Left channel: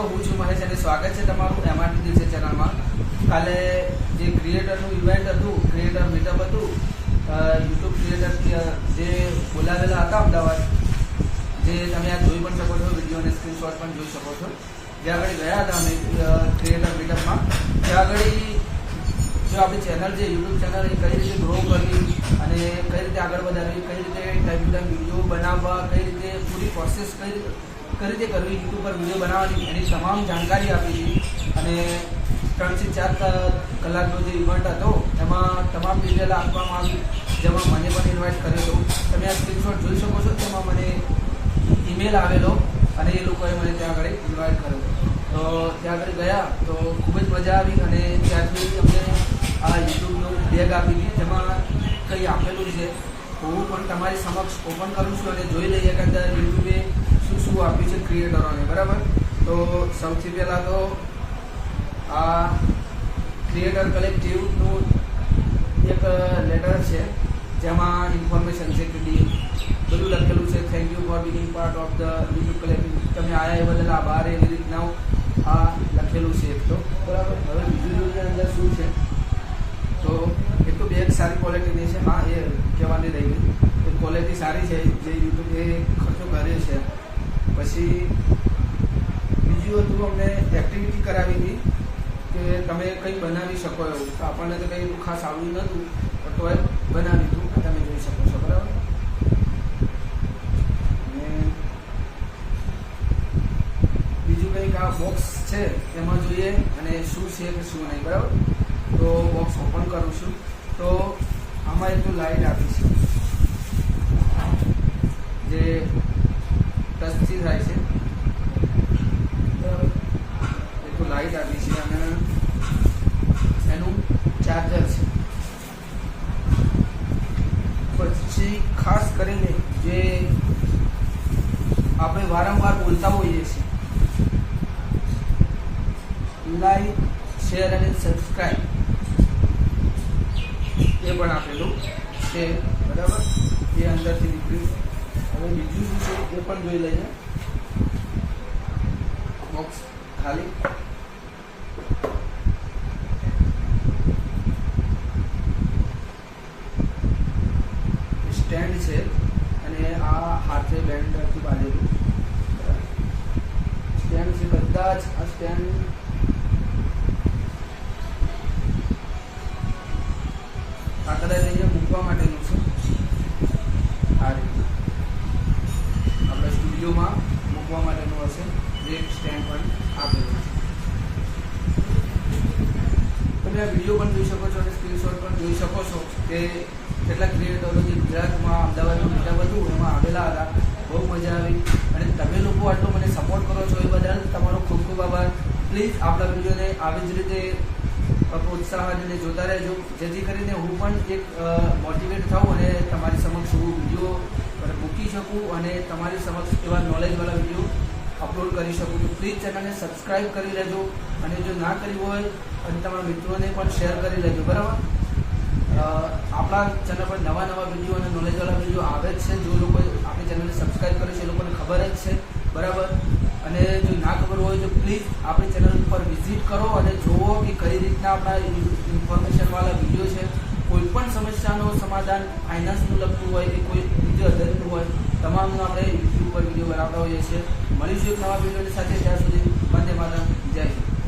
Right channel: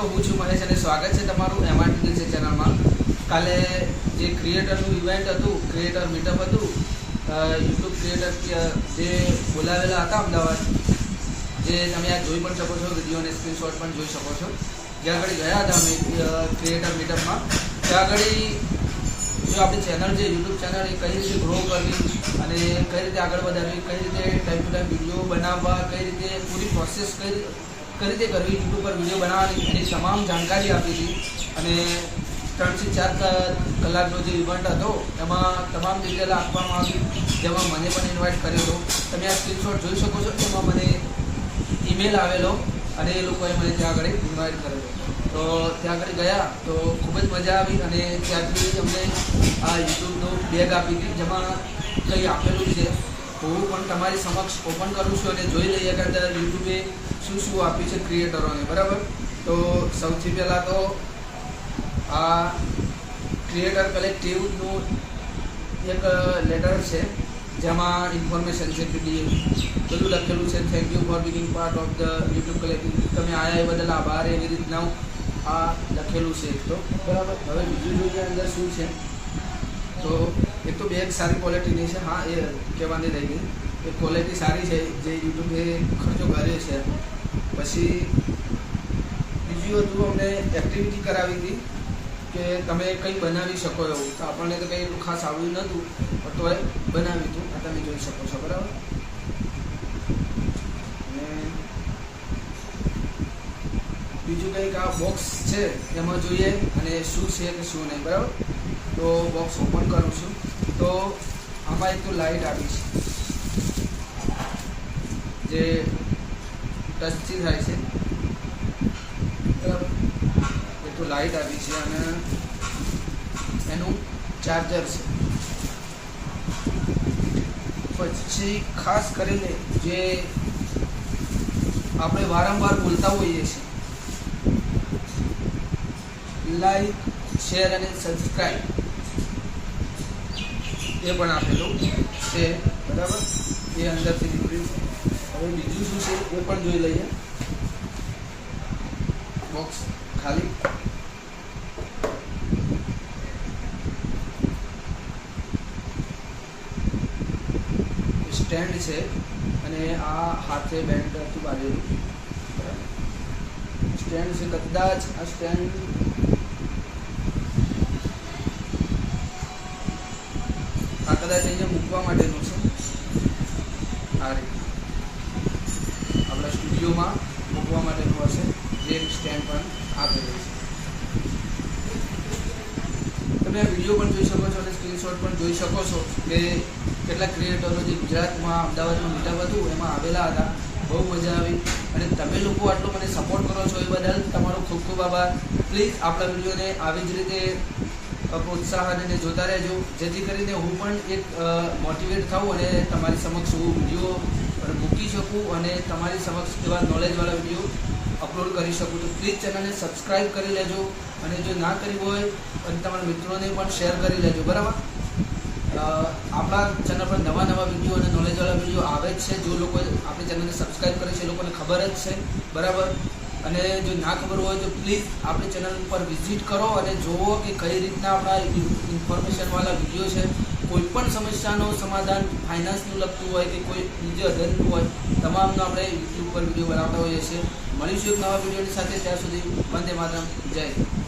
મિત્રો, હું છું મહેશ અને સ્વાગત છે તમારું MRT દિલસે ચેનલમાં. કાલે જે ક્રિએટરનું ઇવેન્ટ હતું, ક્રિએટર મીટઅપ હતું, યુટ્યુબ ક્રિએટર જે બોલાવેલા હતા અમદાવાદ, જે તમે આ જોઈ પણ શકો છો, વિડીયો અને સ્ક્રીનશોટ પણ જોઈ શકો છો. જ્યાં આગળ ગયા હતા અમે ક્રિએટર મીટઅપમાં, ત્યાં આગળ જો આપણી ચેનલ છે યુટ્યુબ ચેનલ એ કઈ રીતે ગ્રો કરવી અને કઈ રીતે આગળ વધારવી, કઈ રીતે ટાઈમ ટુ ટાઈમ વિડીયો બનાવવા, કઈ રીતે પૂરી પ્રોસેસ કઈ રીતે કરવી, યુટ્યુબ પર વિડીયો બનાવવાની, એની તમામ જાણકારી આપી હતી. અને 3 થી 4 કલાકનો જે ઇવેન્ટ હતો એમાં તમામ ડિટેલ આપવામાં આવી, જેમાં મને પણ ઇન્વાઇટ કર્યો હતો. તમે આ સ્ક્રીનશોટ જોઈ શકો છો. એમાં મને ઈમેલ આવેલો અને એ લોકોએ મને ત્યાં આગળ ઇન્વાઇટ કરેલો. તો ત્યાં આગળ ગયા તો ખૂબ જ મજા આવી. અને ત્યાંથી અમને આ યુટ્યુબનું બેગ આપી હતી, જેમાં કંઈ આપેલું છે. હું પણ તમારી સમક્ષ ઓપન કરું છું અને જોઈ લઈએ કે અંદર યુટ્યુબે શું આપ્યું છે ક્રિએટરોને. બરાબર, તો સૌથી પહેલાં તો આ ક્રિએટર કલેક્ટિવનું એક લેટર છે, જેમાં ઇન્ફોર્મેશન છે કે બધું લખેલું છે. Thank you for Bing part of the YouTube collective. તમે આવ્યા એ બદલ આભાર, એવી રીતના આ લખેલું છે. તો બરાબર, હવે બીજું જોઈએ અંદર શું છે. તો એક તો બેગ સારી ક્વોલિટીની છે. હા, એ કહેવાની રહી ગઈ, એ ક્વોલિટી સારી છે જે યુટ્યુબે ખર્ચો કર્યો છે. પછી બીજું હતું, અમને એક્ટિવિટી કરાવી હતી કે તમે કંઈ બનાવી શકો એવું. તો આપણને તો કંઈ એટલું ખાસ આવડ્યું નહોતું, પણ તોય બનાવ્યું હતું. આ તમે જોઈ શકો છો. બરાબર, અને બીજું કંઈક આ બોક્સ છે એમાં જોઈએ અને શું છે કે શું નહીં. બરાબર, તો બોક્સ ઓપન કરું છું. તો આમાં એક તો લાઇટ આપી છે જે ટચથી થાય છે. બરાબર, એક તો લાઇટ આપી છે અને એનું ચાર્જર છે. પછી ખાસ કરીને જે આપણે વારંવાર બોલતા હોઈએ છીએ, લાઈક, શેર અને સબસ્ક્રાઈબ, એ પણ આપેલું છે. બરાબર, એ અંદરથી નીકળ્યું. હવે બીજું શું છે એ પણ જોઈ લઈએ. બોક્સ ખાલી. સ્ટેન્ડ છે અને આ હાથે બેન્ડ હતું બાંધેલું. બરાબર, સ્ટેન્ડ છે. કદાચ આ સ્ટેન્ડ અહીંયા મૂકવા માટેનું છે. આ રીતે આપણા સ્ટુડિયોમાં મૂકવા માટેનું હશે, જે સ્ટેન્ડ પણ આપેલું છે. તમે આ વિડીયો પણ જોઈ શકો છો અને સ્ક્રીનશોટ પણ જોઈ શકો છો કે કેટલાક ક્રિએટરો જે ગુજરાતમાં અમદાવાદમાં મીટઅપ હતું એમાં આવેલા હતા. બહુ મજા આવી. અને તમે લોકો આટલો મને સપોર્ટ કરો છો એ બદલ તમારો ખૂબ ખૂબ આભાર. પ્લીઝ આપણા વિડીયોને આવી જ રીતે પ્રોત્સાહન અને જોતા રહેજો, જેથી કરીને હું પણ એક મોટિવેટ થાઉં અને તમારી સમક્ષ હું વિડીયો મૂકી શકું અને તમારી સમક્ષ એવા નોલેજવાળા વિડીયો અપલોડ કરી શકું. તો પ્લીઝ ચેનલને સબસ્ક્રાઈબ કરી લેજો અને જો ના કરી હોય અને તમારા મિત્રોને પણ શેર કરી લેજો. બરાબર, આપણા ચેનલ પર નવા વિડીયો અને નોલેજવાળા વિડીયો આવે જ છે. જો લોકો આપણી ચેનલને સબસ્ક્રાઈબ કરે છે એ લોકોને ખબર જ છે. બરાબર, અને જો ના ખબર હોય તો પ્લીઝ આપણી ચેનલ પર વિઝિટ કરો અને જુઓ કે કઈ રીતના આપણા ઇન્ફોર્મેશનવાળા વિડીયો છે. કોઈ પણ સમસ્યાનું સમાધાન, ફાઇનાન્સનું લગતું હોય કે કોઈ બીજું અધરનું હોય, તમામનો આપણે યુટ્યુબ પર વિડીયો બનાવતા હોઈએ છીએ. મળીશું એક નવા વિડીયોની સાથે. ત્યાં સુધી વંદે માતરમ. જય હિન્દ.